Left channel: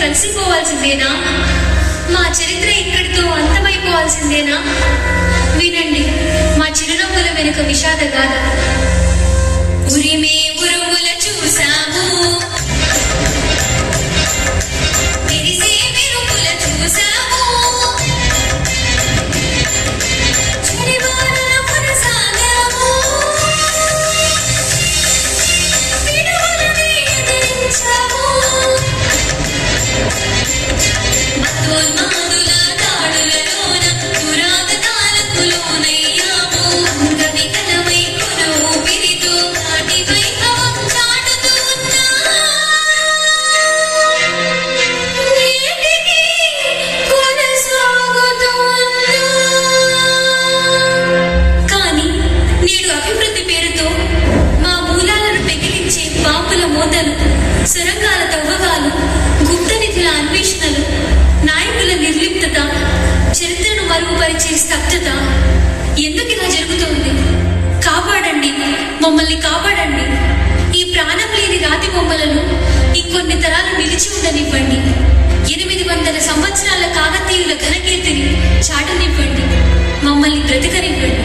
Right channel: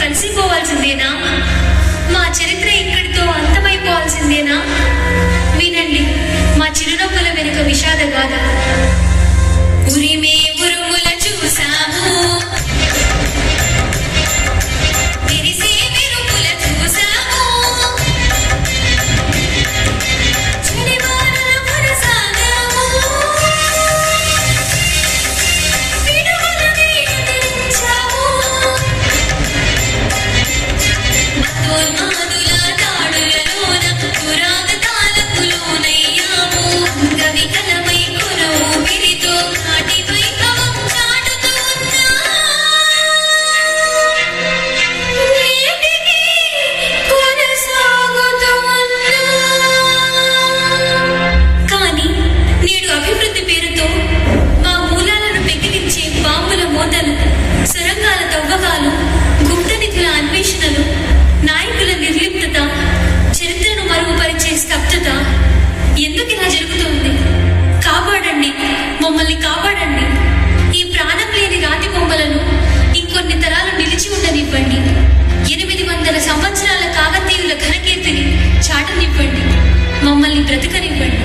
కలిసిపోవాల్సిందేనా? మా చరిత్ర ఇక్కడితో అంతమైపోవాల్సిందేనా? వినండి మా చిరునవ్వుల వెనుక విషాద గాథ. ఉరిమే ఉరుముల చూసాము, మెరిసే మెరుపుల చూసాము, చెడివానల కొనసాగాము, విడుదలని ఎదిరించాము, మతోన్మాదుల దాడులలోన పురాతకాలకు లోనయ్యాము, అంగవికలమై కొన ఊపిరితో కాటి వైభవం చాటుతూ ఉన్నా నేటికి కొనసాగుతూ ఉన్నా. కానీ నేడు అభివృద్ధి పేరుతో మా మూలాలను పెకిలించే బాంబుల మోతలు, సొరంగాల తవ్వకాలు, గుప్త నిధుల అన్వేషణలు, నాయకుల నిర్లిప్తత, చరిత్రను మరుగుపరిచే స్తబ్దత ఎందుకు ఇలా జరుగుతోంది? కాపాడండి, మమ్మల్ని కాపాడండి. ఈ ప్రాణం లేని రాతి బొమ్మలను ఇంకొన్ని తరాలు నిలిచి ఉండనివ్వండి. 800 సంవత్సరాల కాకతీయుల ఘనకీర్తిని చాటనివ్వండి. మమ్మల్ని బ్రతకనివ్వండి.